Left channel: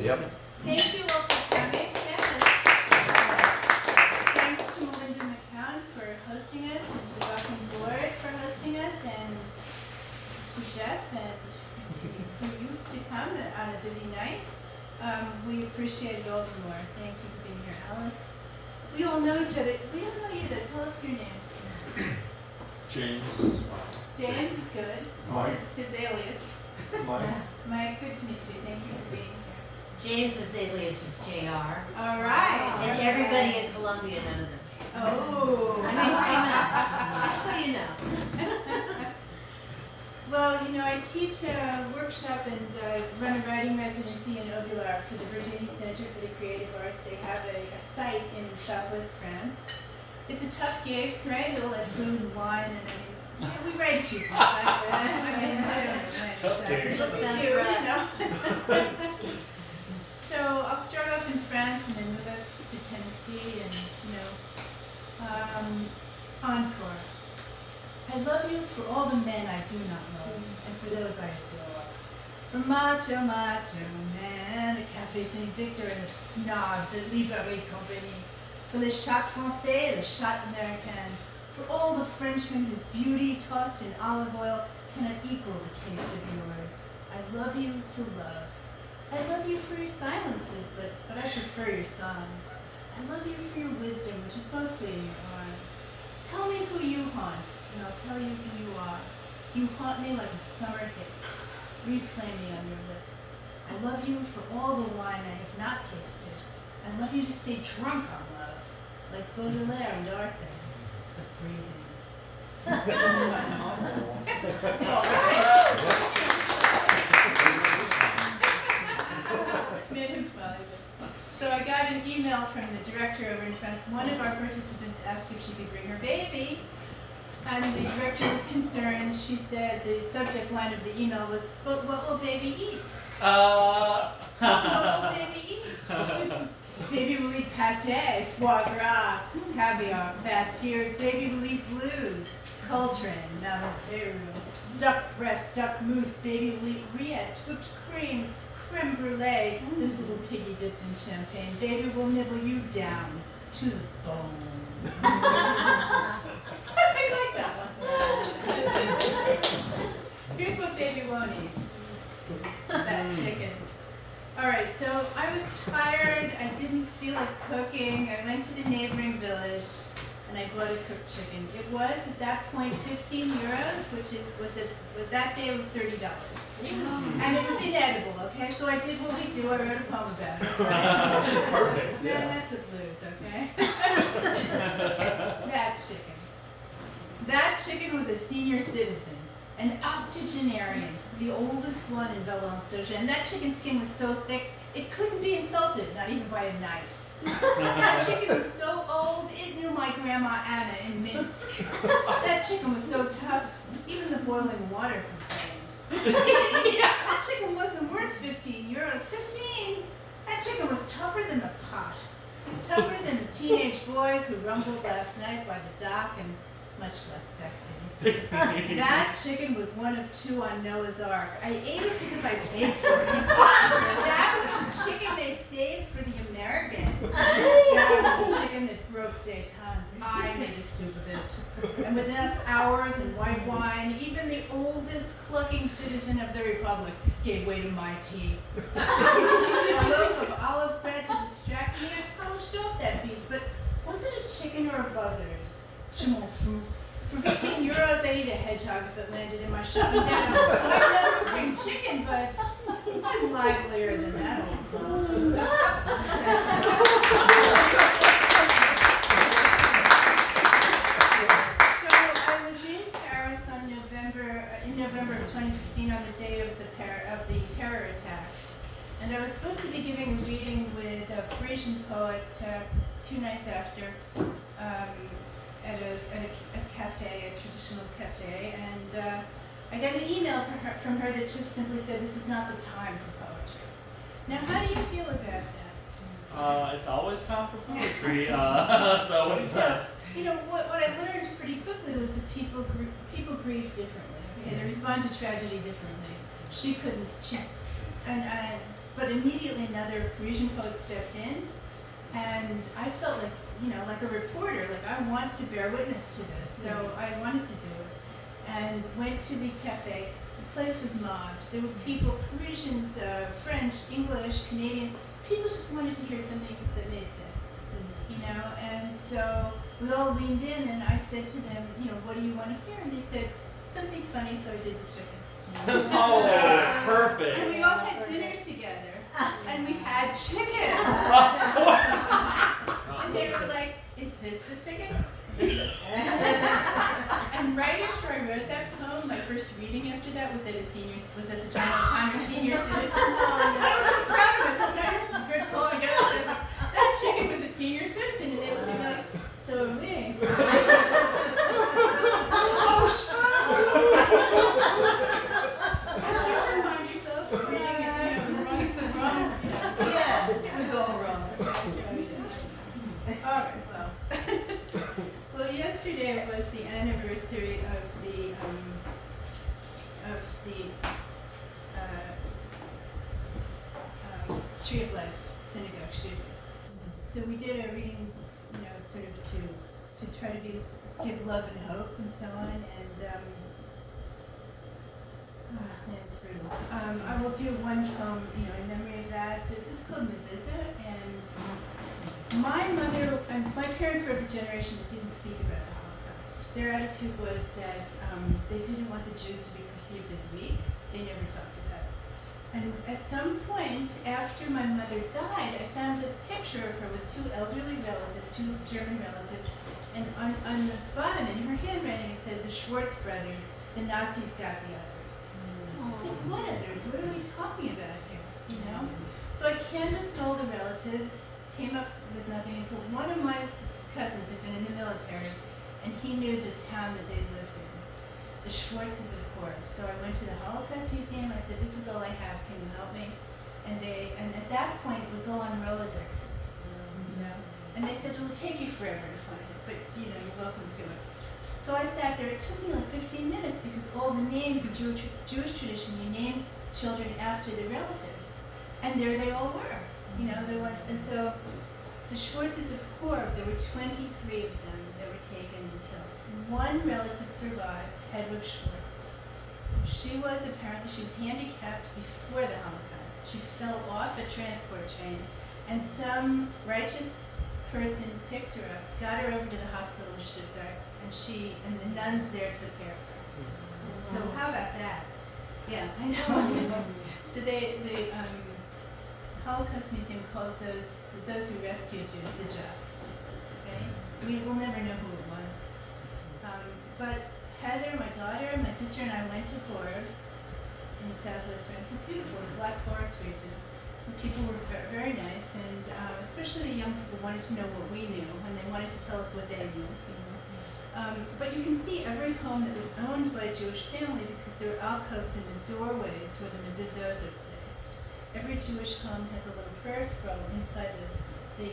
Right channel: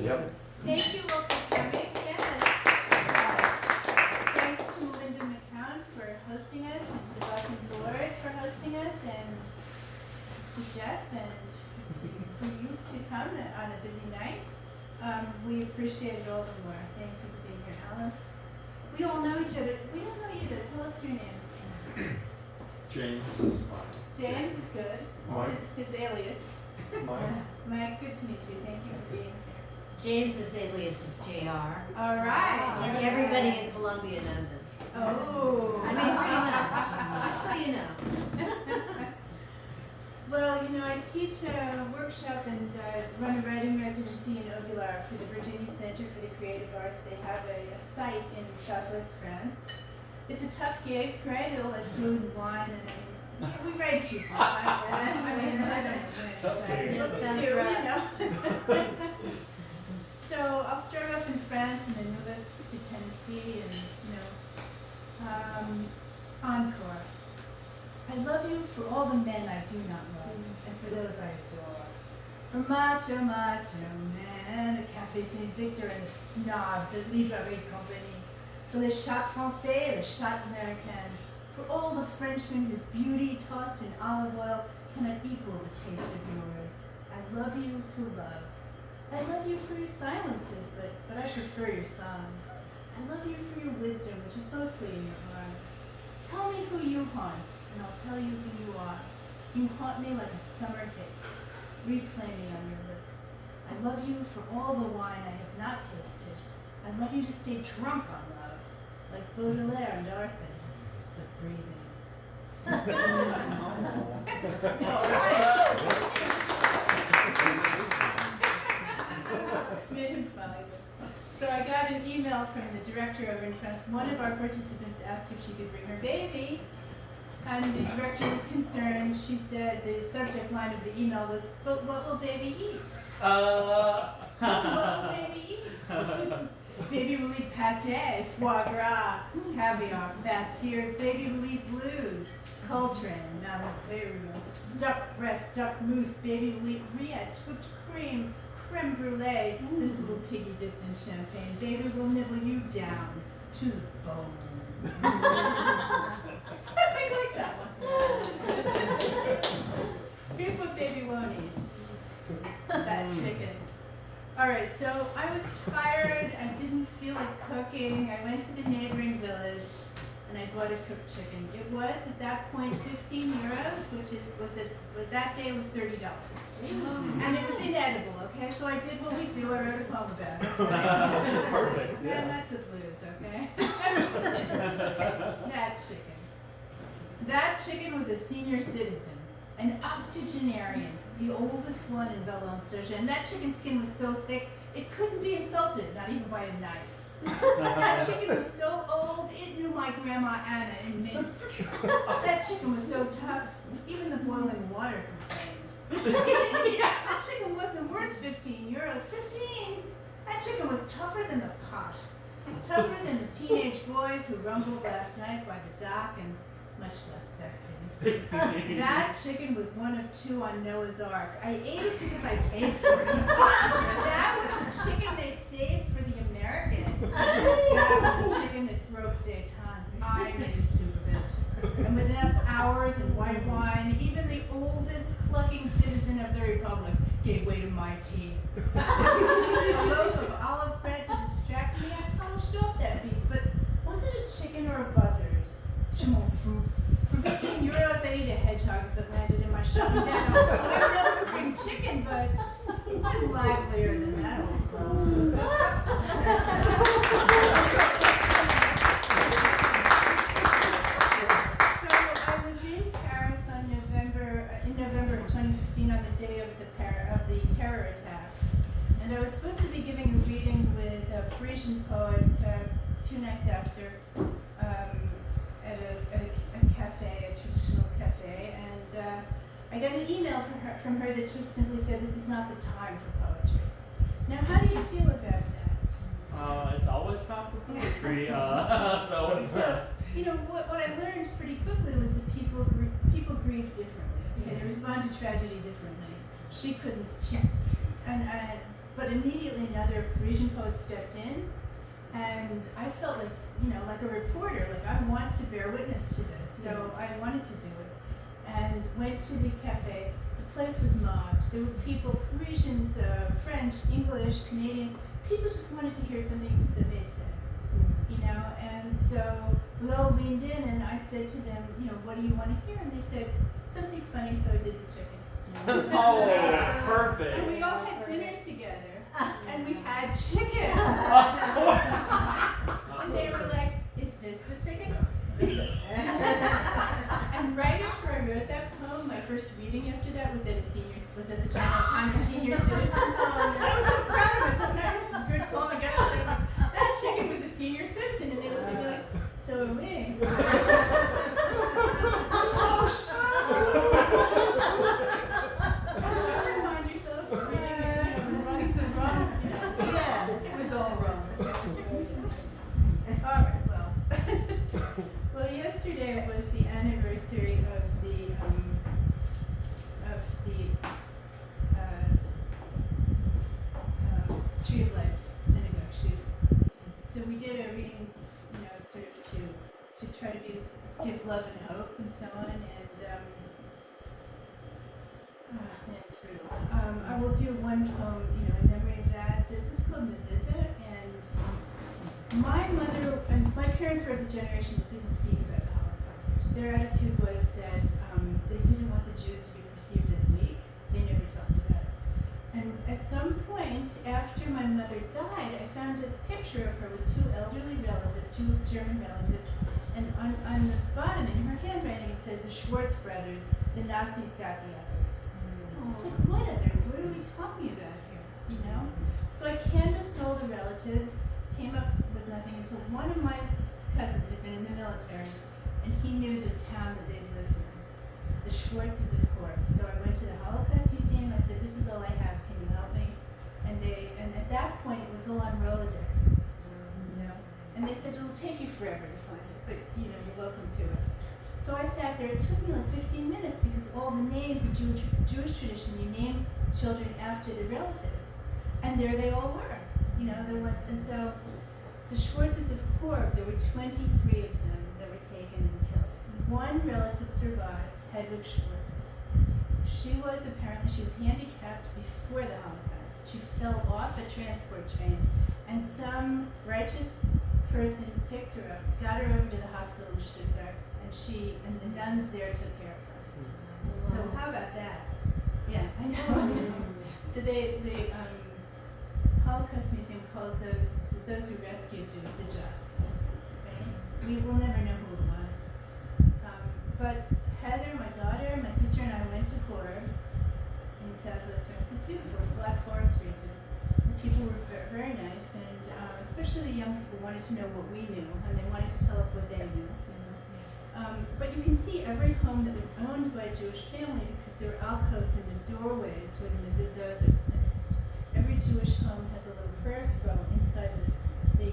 Yep. Thank you all for coming. Yes. Thanks to Melinda McCown for hosting us, and to the Buckham Board for hosting us, and to Jeff and for you to come on a busy night. We appreciate it all the more. Thank you for being here, Alice. We all know each other. We don't know you though. Tell us your names. James. James is good. Mike. His alias. Mike. Mike, good to meet you. Thank you for being here. James's alias is JR. All right. And everybody in Columbia knows it. Oh. I mean, just so you know. Well, you know, I teach a workshop and run a writing residency in Auvillard for the Virginie Center for the Creative Arts. They have a site in southwest France. It's a tough gig, right? It's all like food and wine, and I mean, we write a few poems. I don't know exactly what we do, you know. So I'll start off in France and then move us to Tennessee and, you know, encore. I love you for all the men I do not love, and for those I adore. For macho men, the Café Saint Victor and the snobs at Librairie Compagnie. For les chats français, le chat américain. For all the Frenchmen whose beauty tossed in olive oil cannot equal the taste of yours. I love you to love. I love you for your silences, but I prefer your songs. I love you for your wisdom, which is mostly in your arms. Tell me who you haunt, and I'll tell you who you are. You haunt me like a summer hit. Replay me on your lips. I love you for all the wine I have not tasted. I love you to stay drunk on love, like Baudelaire and Arthur, but breathing. All right. Made him smile, he said. So I got an email from the director over in France. One of our participants asked if she could bring her baby, and the director was concerned. She said the subject line of the email was, "But what will baby eat?" What will baby eat? Baby will eat pâté, foie gras, caviar, fat tears. Baby will eat blues, Coltrane, Malin Peru, duck breast, duck mousse. Baby will eat rillette, whipped cream, creme brulee, this little piggy dipped in champagne. Baby will nibble you down to the bone. I like that one. Here's what baby won't eat. That chicken. All right, so I was tired. I didn't feel like cooking. I went to the neighboring village and I bought a cooked chicken. It was at that point 15 euros, that day it was $30. And it was inedible, okay? So I did what we do, I wrote a poem about it. Right? Perfect. Man, that's the blues, okay? That chicken was a senior citizen, an octogenarian, the oldest one in Valence-Dogen. And that chicken skin was so thick, it couldn't be insulted, not even by a knife. That chicken was so old, it knew my grandma Anna in Minsk. That chicken was so tough, even the boiling water complained. That chicken wasn't worth 15 euros. 15? That chicken was tougher than the pot. Tougher than the teenage boys who rumbled last night by the dock, and much less sexy. That chicken was one of two on Noah's Ark. I ate it because I paid for it. That was the chicken they saved for the American. That was the chicken that broke détente. I made a soup of it. And with enough hours and white wine, even the oldest clucking citizen of the Republic gave way to my tea. A loaf of olive bread to distract me, I polished off that beast. But was it a chicken or a buzzard? Je m'en fous. For 15 euros, I'd eat a hedgehog if it landed in my shopping bag. I've never spring chicken, but I'm livelier than that old girl. So I was in Paris in November of 2015 on the day of the terror attacks, and I was supposed to be giving a reading with a Parisian poet 2 nights after. At a cafe, a traditional cafe, and I got an email from her that just simply said, "This is not the time for poetry." Now, how do you feel about that? It's always time for poetry. So what he said. You know, what I learned pretty quickly was that people grieve differently. Okay, they respond to tragedy differently. She couldn't. And but immediately another Parisian poet stepped in, and I felt like, like a reporter, like I want to bear witness to this, so I wanted to do it. And went to the cafe. The place was mobbed. There were people, Parisians, French, English, Canadians. People just wanted to hear something that made sense, And so we all leaned in, and I said to them, what do you want to hear? And they said, something funny, so I did the chicken. Oh, perfect. And we all had dinner together, and we had chicken. And they were like, is this the chicken? And right after I wrote that poem, my first reading after that was at the John O'Connor Senior Citizens. And I was so proud of myself. No, this is a great poem. I got it. I was like, that chicken was a senior citizen, and they looked at me like, so are we. Oh, did you ever find yourself reading it, wrong is the wrong? Yeah. It was all wrong. All right, well. Well, yesterday was the anniversary of the Tree of Life synagogue shooting. So we did a reading, sort of to try to give love and hope and so on. And it's brutal. I will do one poem, in memory of that. This is called Mezuzah, and my mother and my parents were of the generation that didn't speak about the Holocaust. Their attitude was that they didn't want the Jews to be perceived as weak. They never talked about it. And at some point, after my mother died, I found a picture of her with two elderly relatives, two German relatives, and on the bottom, in her handwriting, it said, the Schwartz brothers, the Nazis got the others. It's like, what others? What are we talking about here, So I canvassed all the relatives, came up with nothing until one of my cousins had been in the military, and he knew the town that they lived in. The Schwartzes, of course. So I went to the Holocaust Museum. I said, this is all I have. Can you help me? And at that point, it was all on Rolodexes. And they said, it'll take you forever to find it, but you're welcome to it. So I sat there. It took me like 15 minutes because all the names of Jewish tradition, you name children after the relatives. And there they all were. There was, and so the Schwartzes of Horb, there were 23 of them that were taken and killed. One relative survived, Hedwig Schwartz. She was handicapped before the Holocaust. She fell off a transport train, and some righteous person picked her up, got her over to the hospital in Stuttgart, and the nuns there took care of her. So how about that? Yeah, I know. So the Holocaust Museum calls those who rescued Jews the just. Right? We will never know who it was. But Heather, my daughter, my sister, and I went to Horb in southwest France. It's beautiful, the Black Forest region. The people were very nice, and especially the young people wanted to know what we knew, and they wanted to tell us what they knew. But you can see every home that was owned by a Jewish family because there were alcoves in the doorways where the mezuzahs are placed. Every Jewish home has a little prayer scroll inside the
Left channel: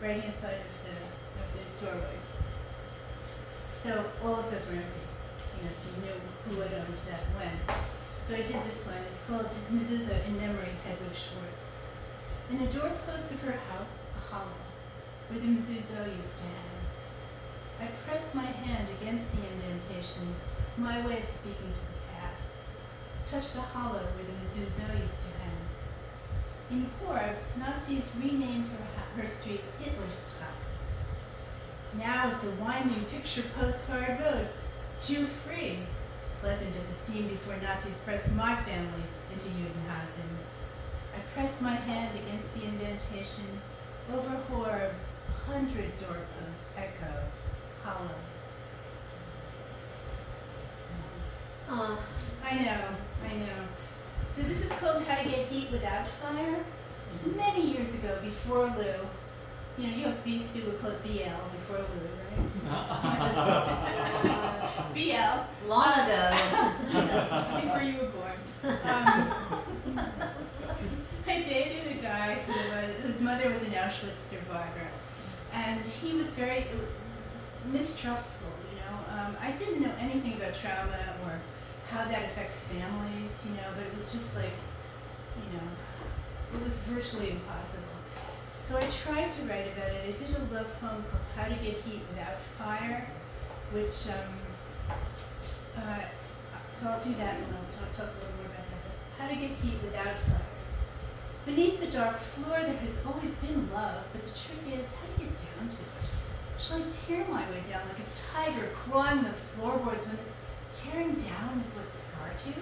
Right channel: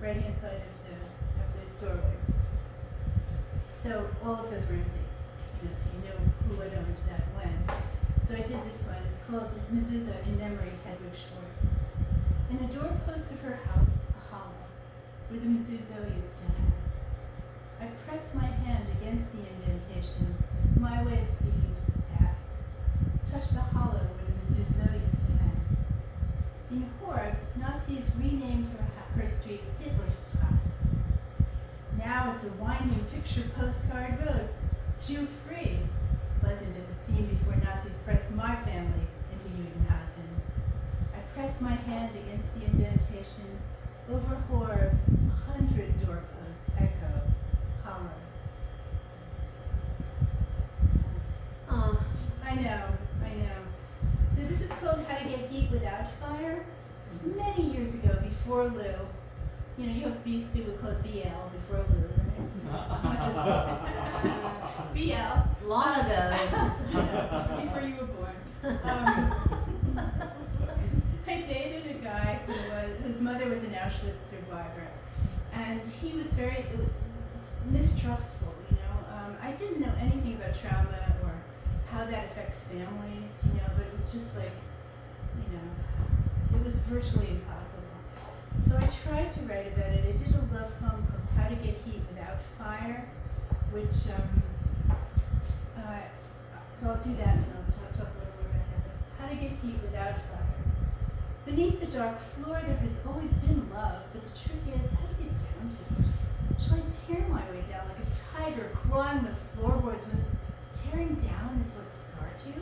right-hand side of the doorway. So all of those were empty, so you knew who had owned that when. So I did this one. It's called Mezuzah in Memory, Hedwig Schwartz. In the doorpost of her house, a hollow, where the mezuzah used to hang. I press my hand against the indentation, my way of speaking to the past. Touch the hollow where the mezuzah used to hang. In Horb, Nazis renamed her street Hitlerstrasse. Now it's a winding picture postcard road, Jew-free, pleasant as it seemed before Nazis pressed my family into Judenhausen. I press my hand against the indentation. Over Horb, 100 doorposts echo, hollow. I know. So this is called How to Get Heat Without Fire. Many years ago, before Lou, you have BC, we call it BL, before Lou, right? BL. Long ago. Before you were born. I dated a guy whose mother was an Auschwitz survivor, and he was very mistrustful, I didn't know anything about trauma or how that affects families, but it was just like, it was virtually impossible. So I tried to write about it. I did a love poem called How to Get Heat Without Fire, which, so I'll do that and I'll talk a little more about that. But how to get heat without fire. Beneath the dark floor there has always been love, but the trick is how to get down to it. Shall I tear my way down like a tiger clawing the floorboards when this tearing down is what scarred you?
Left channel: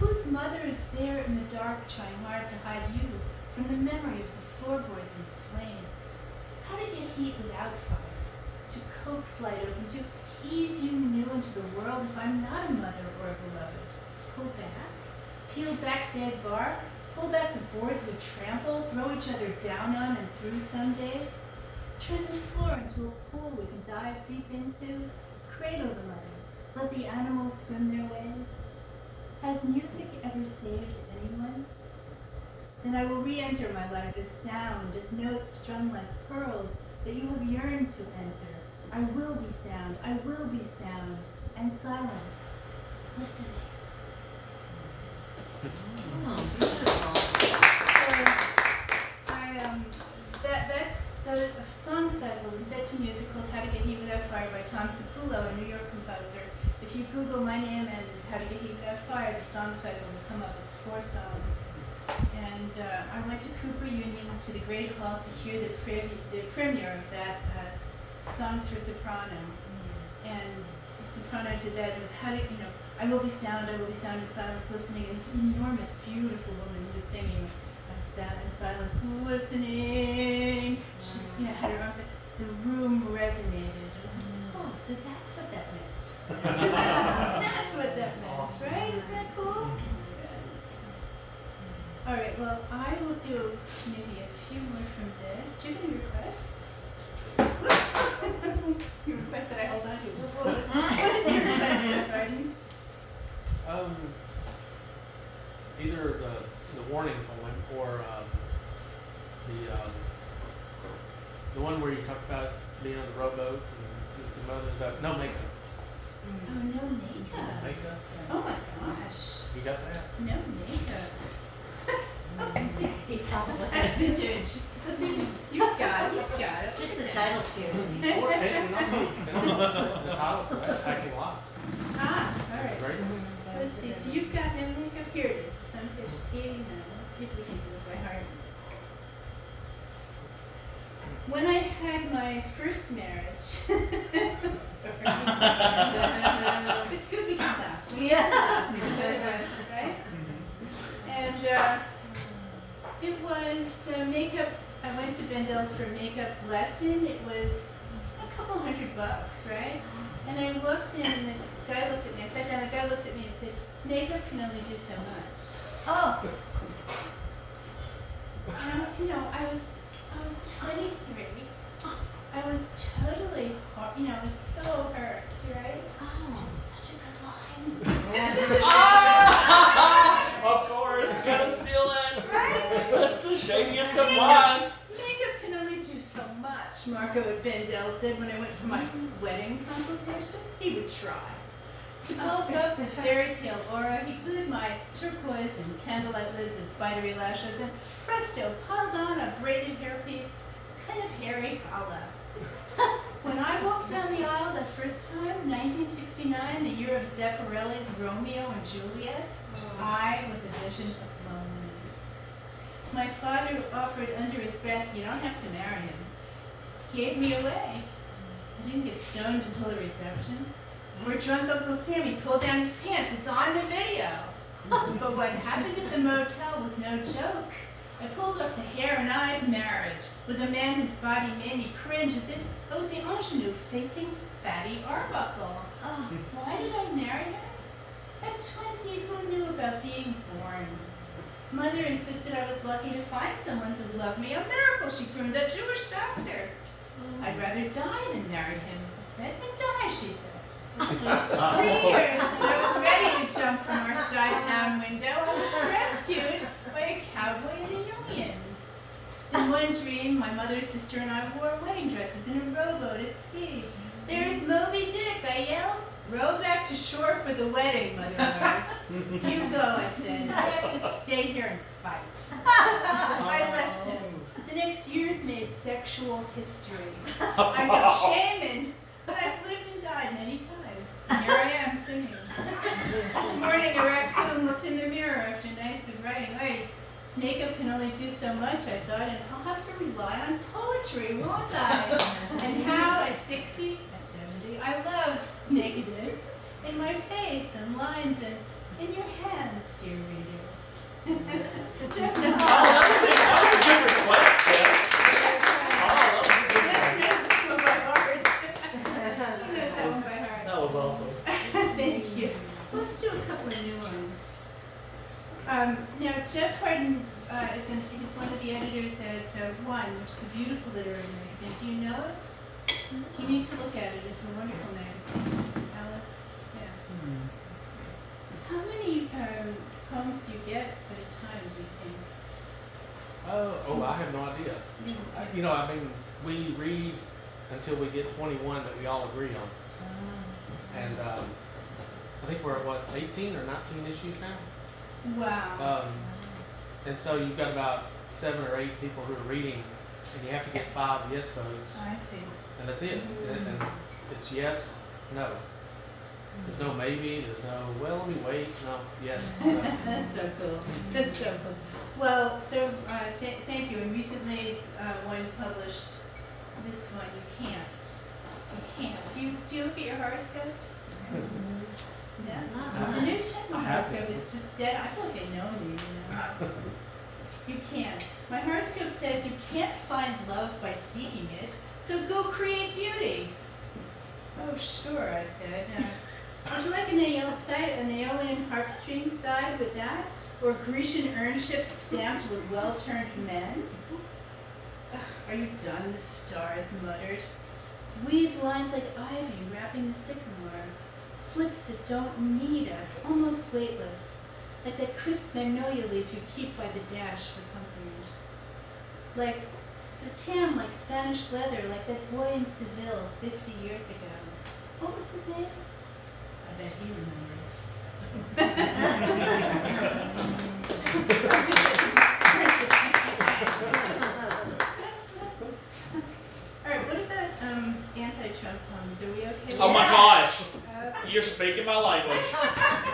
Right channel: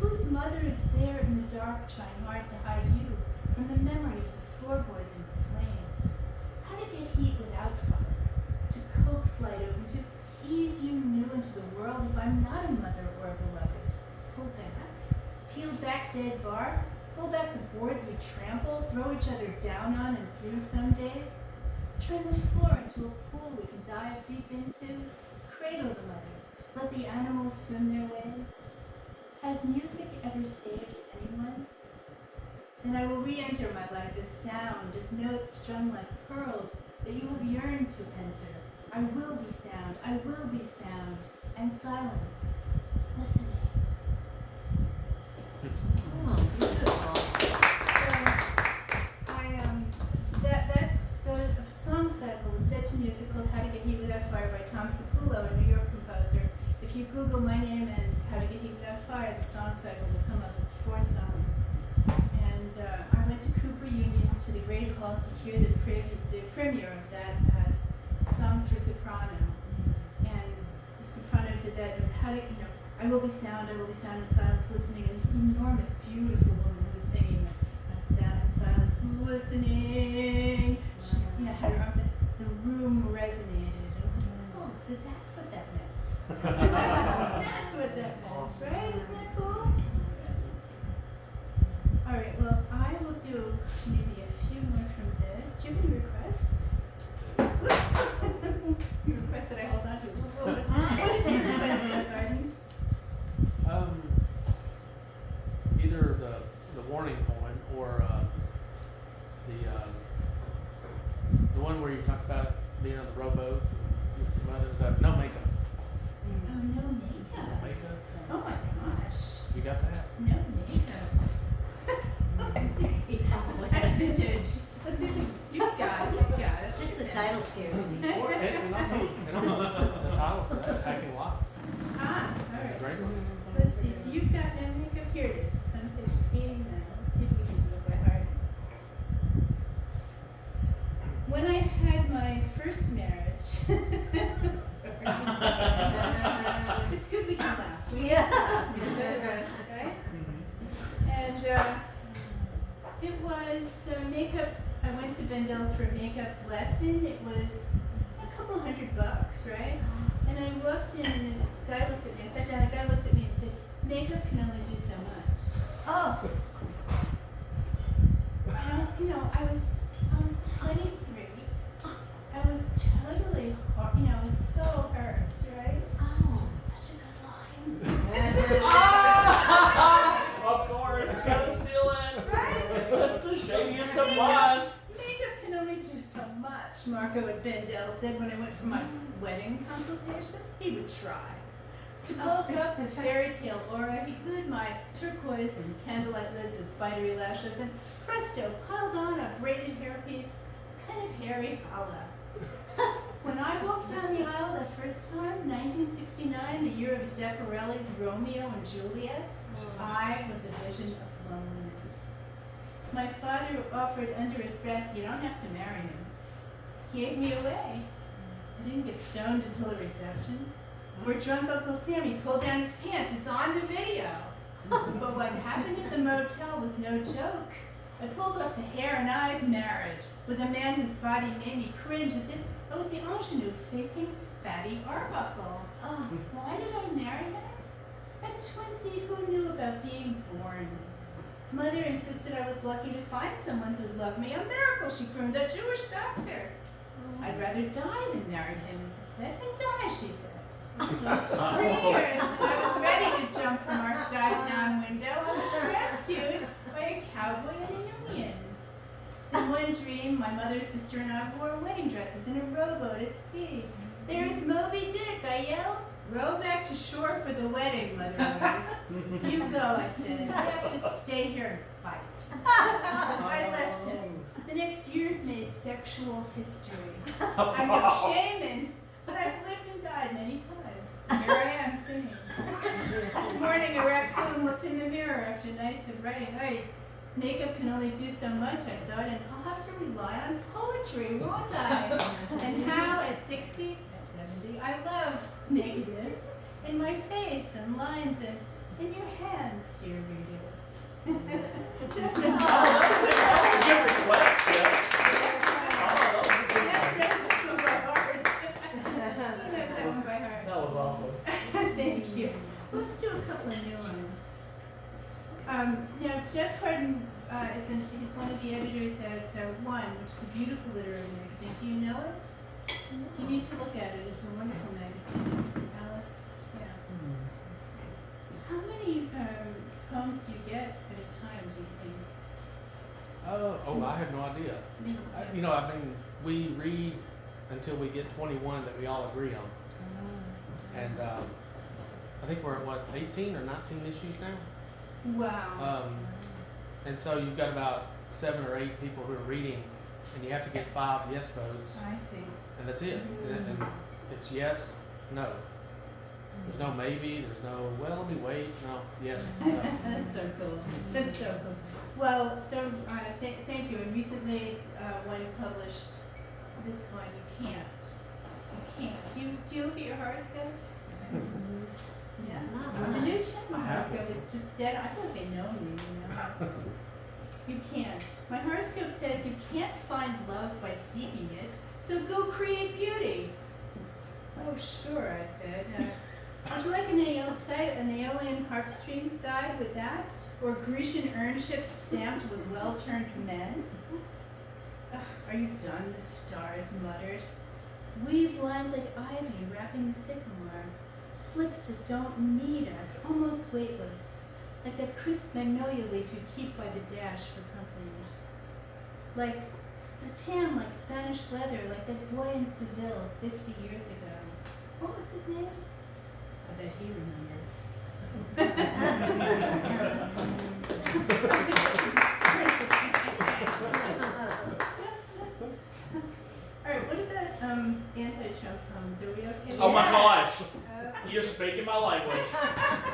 Whose mother is there in the dark trying hard to hide you from the memory of the floorboards in flames? How to get heat without fire, to coax light open, to ease you new into the world if I'm not a mother or a beloved. Pull back, peel back dead bark, pull back the boards we trample, throw each other down on and through some days. Turn the floor into a pool we can dive deep into, cradle the mothers, let the animals swim their ways. Has music ever saved anyone? Then I will re-enter my life as sound, as notes strung like pearls that you have yearned to enter. I will be sound, and silence, listening. Oh, beautiful. So, the song cycle was set to music called How to Get Heat Without Fire by Tom Sepullo, a New York composer. If you Google my name and How to Get Heat Without Fire, the song cycle will come up as 4 songs. And I went to Cooper Union to the Great Hall to hear the premiere of that Songs for Soprano. And the soprano did that. It was how to, I will be sound in silence, listening. And this enormous, beautiful woman who was singing sound in silence, listening. She had her arms up. The room resonated. It was like, oh, so that's what that meant. That's what that meant, right? Isn't that cool? All right, well, I will do maybe a few more from this. Do you have any requests? You request that I hold on to. What is your request, Jeff Arden? Either the warning poem or the one where you talk about being on the rowboat and your mother's got no makeup. Oh, no makeup. Makeup? Oh my gosh. You got that? No makeup. Let's see. That's vintage. Let's see. You've got it. Just the title scares me. And also, the title for that, Packing Lot. Ah, all right. Great. Let's see. So you've got no makeup. Here it is. It's on page 89. Let's see if we can do it by heart. When I had my first marriage, I'm sorry. It's good we can laugh. Yeah. Because otherwise, right? And it was makeup. I went to Bendel's for a makeup lesson. It was a couple $100, right? And I looked and the guy looked at me. I sat down, the guy looked at me and said, makeup can only do so much. Oh. And I was 23. I was totally, I was so hurt, right? Oh, Such a good line. Of course, you gotta steal it. Right? That's the shadiest of lines. Makeup can only do so much, Marco at Bendel said when I went for my wedding consultation. He would try. To bulk up the fairy tale aura, he glued my turquoise and candlelight lids with spidery lashes and presto, piled on a braided hairpiece, kind of hairy holla. When I walked down the aisle that first time, 1969, the year of Zeffirelli's Romeo and Juliet, I was a vision of loneliness. My father offered under his breath, you don't have to marry him. Gave me away. I didn't get stoned until the reception. Where drunk Uncle Sammy pulled down his pants. It's on the video. But what happened at the motel was no joke. I pulled off the hair and eyes marriage with a man whose body made me cringe as if I was the ingenue facing Fatty Arbuckle. Oh, why did I marry him? At 20, who knew about being born? Mother insisted I was lucky to find someone who loved me. A miracle, she crooned, a Jewish doctor. I'd rather die than marry him, I said. And die, she said. 3 years, and I was ready to jump from our Stuytown window. I was rescued by a cowboy and a Union. In one dream, my mother, sister, and I wore wedding dresses in a rowboat at sea. There's Moby Dick, I yelled. Row back to shore for the wedding, Mother ordered. You go, I said. I have to stay here and fight. I left him. The next years made sexual history. I'm no shaman, but I've lived and died many times. And here I am singing. This morning a raccoon looked in the mirror after nights of writing. Hey, makeup can only do so much, I thought, and I'll have to rely on poetry, won't I? And how at 60, at 70, I love nakedness in my face and lines and in your hands, dear readers. Jeff knows That's a good request, Jeff. Jeff knows this one by heart. He knows that one by heart. That was awesome. Thank you. Let's do a couple of new ones. Now, Jeff Harden he's one of the editors at One, which is a beautiful literary magazine. Do you know it? You need to look at it. It's a wonderful magazine. Alice, yeah. How many poems do you get at a time, do you think? I have no idea. You know, I mean, we read until we get 21 that we all agree on. And I think we're at what, 18 or 19 issues now? Wow. And so you've got about 7 or 8 people who are reading, and you have to get 5 yes votes, I see. and that's it. And it's yes, no. There's no maybe, there's no, well, let me wait, no, yes. No. That's so cool. That's so cool. Well, so thank you. And recently, One published this one. You can't. You can't. Do you look at your horoscopes? Yeah. The new second horoscope is just dead. I feel like they know me, you know. You can't. My horoscope says you can't find love by seeking it, so go create beauty. Oh, sure, I said. Would you like an Aeolian harpstring side with that? Or Grecian urn ships stamped with well-turned men? Ugh, are you done? The stars muttered. Weave lines like ivy wrapping the sycamore. Slips that don't need us, almost weightless. Like that crisp magnolia leaf you keep by the dash for company. Like tan like Spanish leather, like that boy in Seville 50 years ago. What was his name? I bet he All right, what about anti-Trump poems? Are we okay with Oh my that? gosh, Okay. you're speaking my language.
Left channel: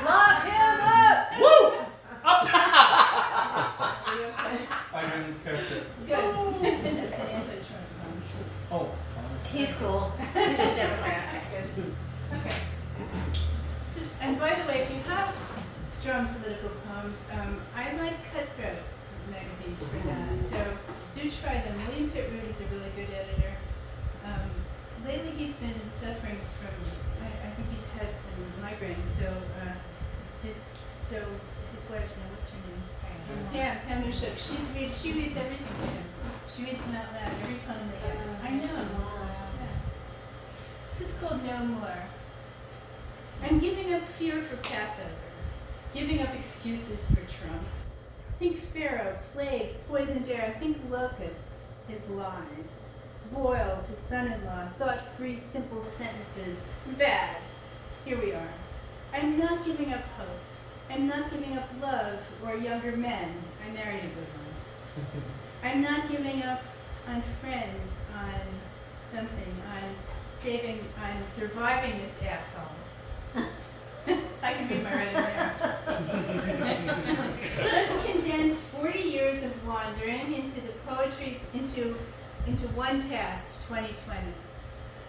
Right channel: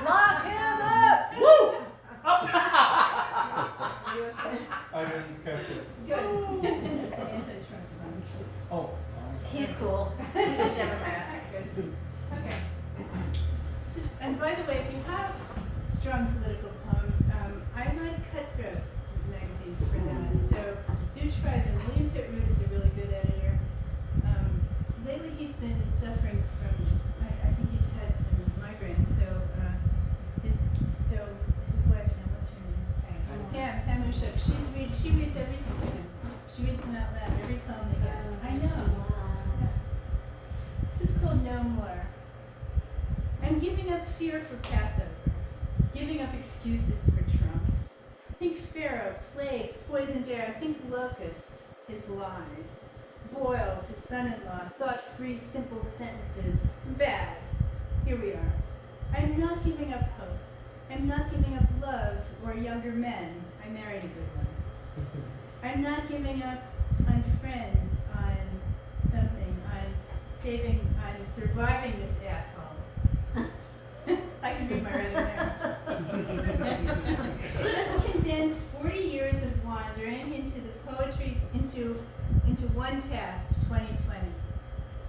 Lock him up! Woo! Up! Are you okay? I didn't catch it. Good. That's an anti-Trump poem. Oh. He's cool. He's just Democrat. Good. Okay. And by the way, if you have strong political poems, I like Cutthroat magazine for that. So do try them. William Pitt Root is a really good editor. Lately he's been suffering from, I think he's had some migraines. So his wife, what's her name? Pam Ushuk. She reads everything to him. She reads them out loud, every poem they get. I know. Yeah. This is called No More. I'm giving up fear for Passover, giving up excuses for Trump. Think Pharaoh, plagues, poisoned air, think locusts, his lies. Boils, his son-in-law, thought-free, simple sentences. Bad. Here we are. I'm not giving up hope. I'm not giving up love or younger men. I married a good one. I'm not giving up on friends, on something, on surviving this asshole. I can read my writing there. Let's condense 40 years of wandering into the poetry, into one path, 2020.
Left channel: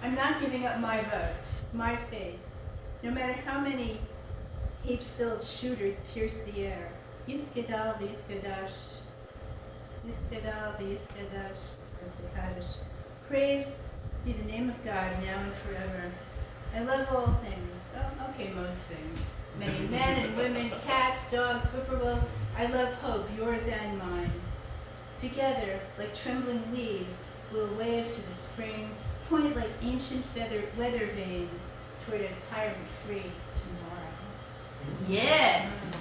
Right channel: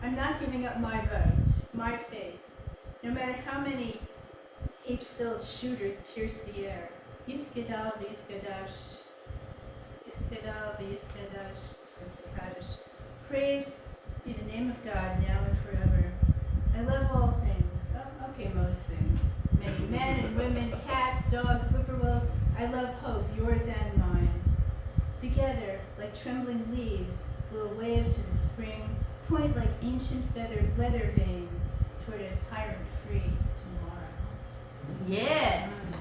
I'm not giving up my vote, my faith, no matter how many hate-filled shooters pierce the air. Yiskadal v'yiskadash, Yiskadal v'yiskadash, Yiskadash. Praise be the name of God now and forever. I love all things. Oh, okay, most things. Many men and women, cats, dogs, whippoorwills. I love hope, yours and mine. Together, like trembling leaves, we'll wave to the spring, point like ancient weather vanes toward a tyrant-free tomorrow. Yes!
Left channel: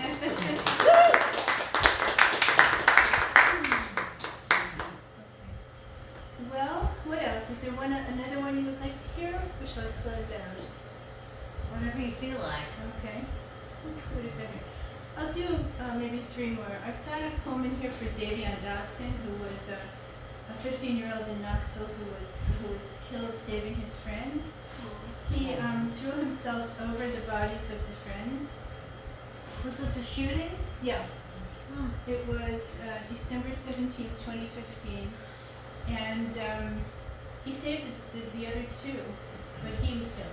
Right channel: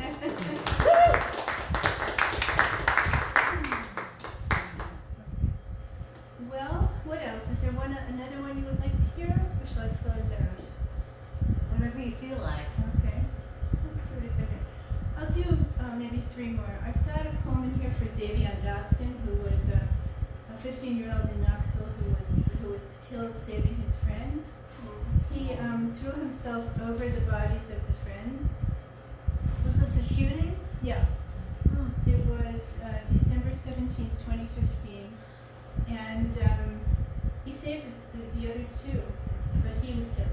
Well, what else? Is there another one you would like to hear? Or shall I close out? Whatever you feel like. Okay. Let's do it better. I'll do maybe 3 more. I've got a poem in here for Xavier Dobson, who was a 15-year-old in Knoxville who was killed saving his friends. He threw himself over the bodies of the friends. Was this a shooting? Yeah. It was December 17th, 2015. And he saved the other 2, but he was killed.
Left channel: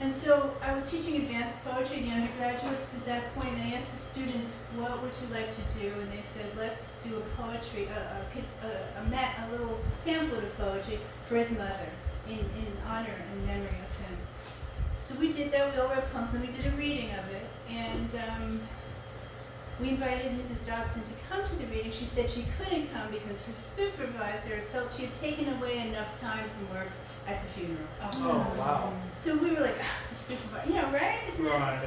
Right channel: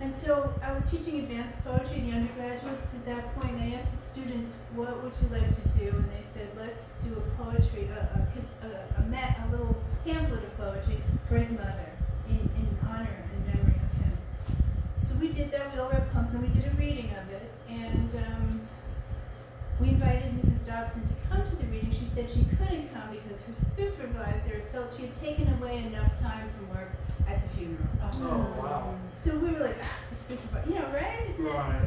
And so I was teaching advanced poetry, the undergraduates at that point, and I asked the students, what would you like to do? And they said, let's do a poetry, a little pamphlet of poetry for his mother in honor and memory of him. So we did that, we all wrote poems, and then we did a reading of it. And we invited Mrs. Dobson to come to the reading. She said she couldn't come because her supervisor felt she had taken away enough time from work at the funeral. Oh, wow. So we were like, the supervisor, right? Isn't that, Right.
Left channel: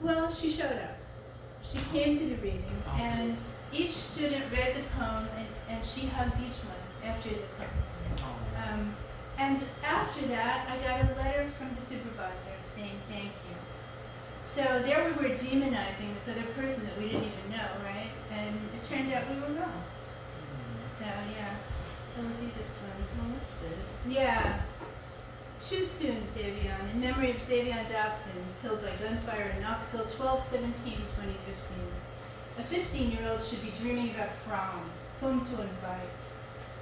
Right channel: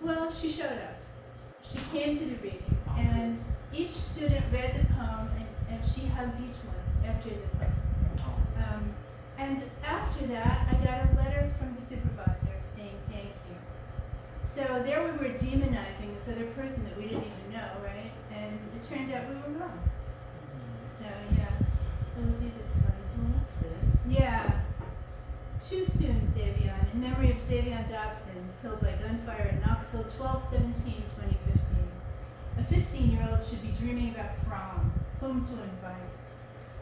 Well, she showed up. She came to the reading, and each student read the poem, and she hugged each one after the poem. And after that, I got a letter from the supervisor saying thank you. So there we were demonizing this other person that we didn't even know, right? And it turned out we were wrong. So yeah, we'll do this one. Well, that's good. Yeah. Too soon, Xavier, in memory of Xavier Dobson, killed by gunfire in Knoxville, 12/17/2015. A 15-year-old should be dreaming about prom, whom to invite,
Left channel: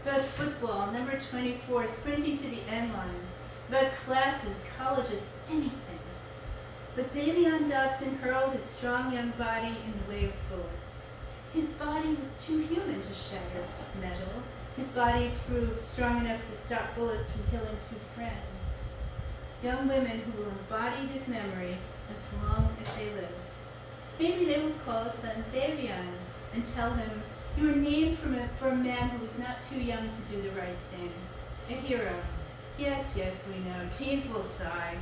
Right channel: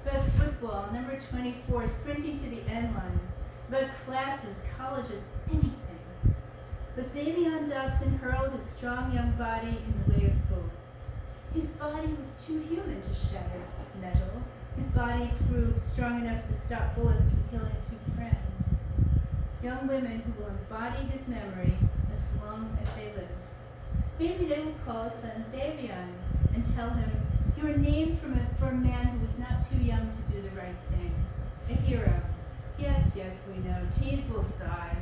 about football, number 24, sprinting to the end line, about classes, colleges, anything. But Xavier Dobson hurled his strong young body in the way of bullets. His body was too human to shatter metal. His body proved strong enough to stop bullets from killing 2 friends. Young women who will embody his memory as long as they live. Maybe they will call his son Xavier and tell him, you were named for a man who was not too young to do the right thing. A hero. Yes, we know. Teens will sigh.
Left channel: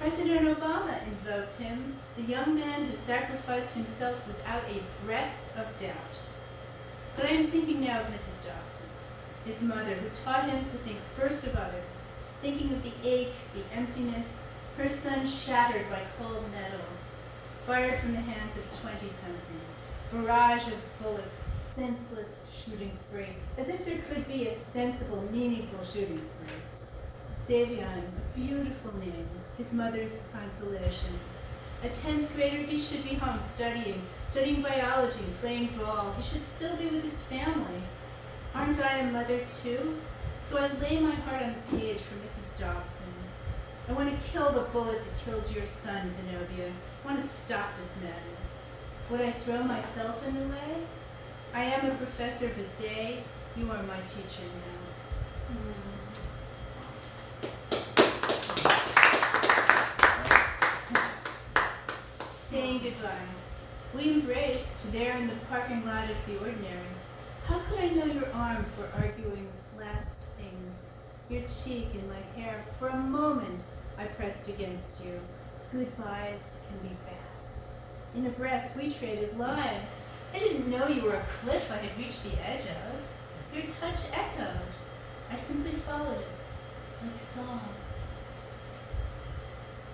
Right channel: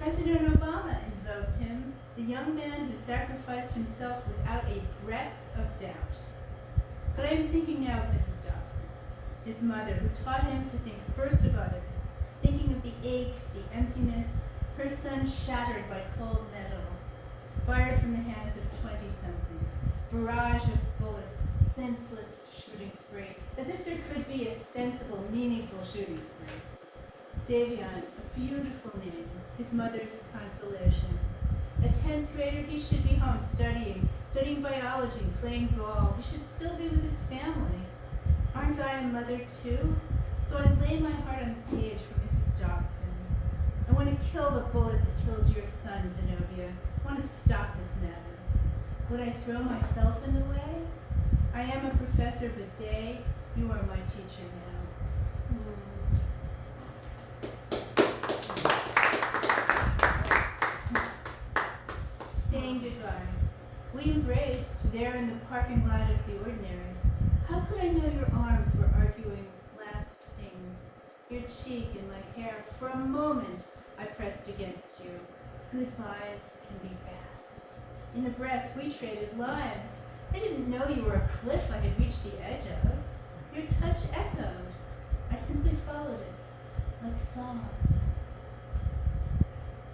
President Obama invoked him, the young man who sacrificed himself without a breath of doubt. But I am thinking now of Mrs. Dobson, his mother, who taught him to think first of others, thinking of the ache, the emptiness, her son shattered by cold metal, fired from the hands of 20-somethings, barrage of bullets, senseless shooting spree, as if there could be a sensible, meaningful shooting spree. Xavier, a beautiful name, his mother's consolation. A 10th grader, he should be home studying biology, playing ball. He should still be with his family. Aren't I a mother too? So I lay my heart on the page for Mrs. Dobson. I want to kill the bullet that killed your son, Zenobia. I want to stop this madness. Would I throw myself in the way? I am a professor, but Zay, you are my teacher now. Saying goodbye. We embraced there in the parking lot of the ordinary. How could I know your arms were arguing last things? Your cheek and my hair. For a moment I pressed against you. Goodbyes can be fast. In a breath we traded lives. I didn't know you were a cliff I had reached the edge of. Your touch echoed. I simply followed it, like song.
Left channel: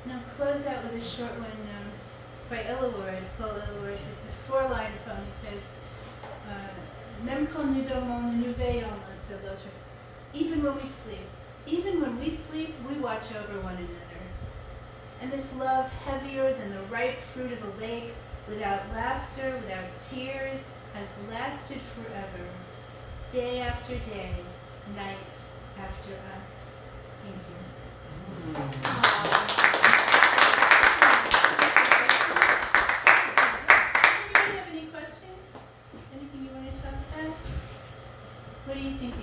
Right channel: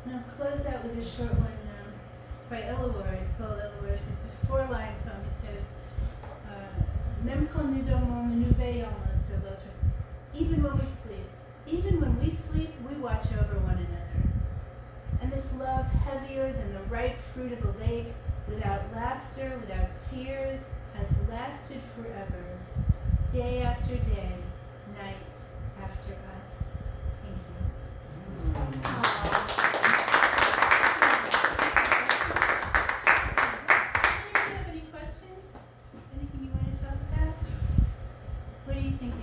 And I'll close out with a short one by Illaward, Paul Illaward. It's a 4-line poem. He says, Même quand nous dormons, nous veillons l'un sur l'autre. Even when we sleep, we watch over one another. And this love, heavier than the ripe fruit of a lake, without laughter, without tears, has lasted forever. Day after day, night after us. Thank you. What are you thinking?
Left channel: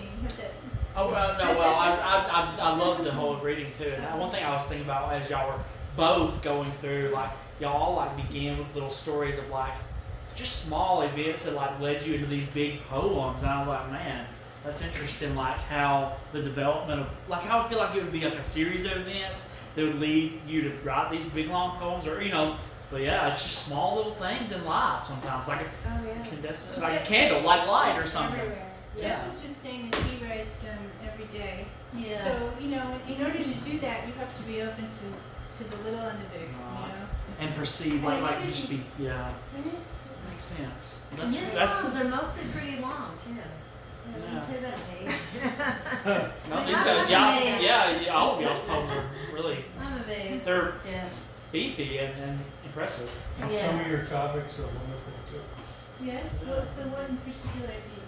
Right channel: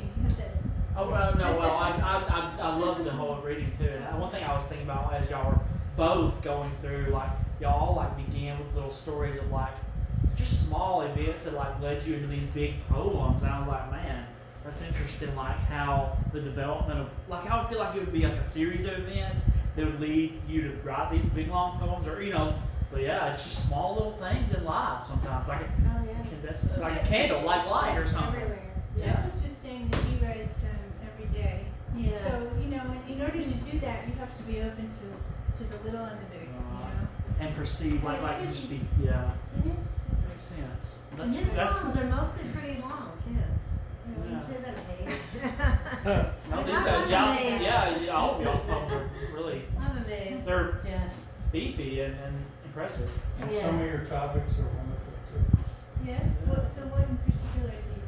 I love the whole reading too. And one thing I was thinking about as y'all were both going through, like y'all like began with little stories of like just small events that like led you into these big poems, and I was like, man, that's interesting. Like how the development of like I would feel like it would be like a series of events that would lead you to write these big long poems, or But yeah, it's just small little things in life sometimes, like a candle, like light or something. Everywhere. Yeah. Jeff was just saying that he writes every day. Yeah. So, in order to do that, you have to be open to the little and the big, and perceive And it like could just be- be makes sense. And his That's poems are mostly pretty long too. I wouldn't Yeah. say that age. no, these I'm guys, yeah, amazed. yeah, all of y'all's poems are really I'm amazed. they're Yeah. beefy and impressive. And Yeah. some of your topics are wonderful too. Yes, what, so what in particular do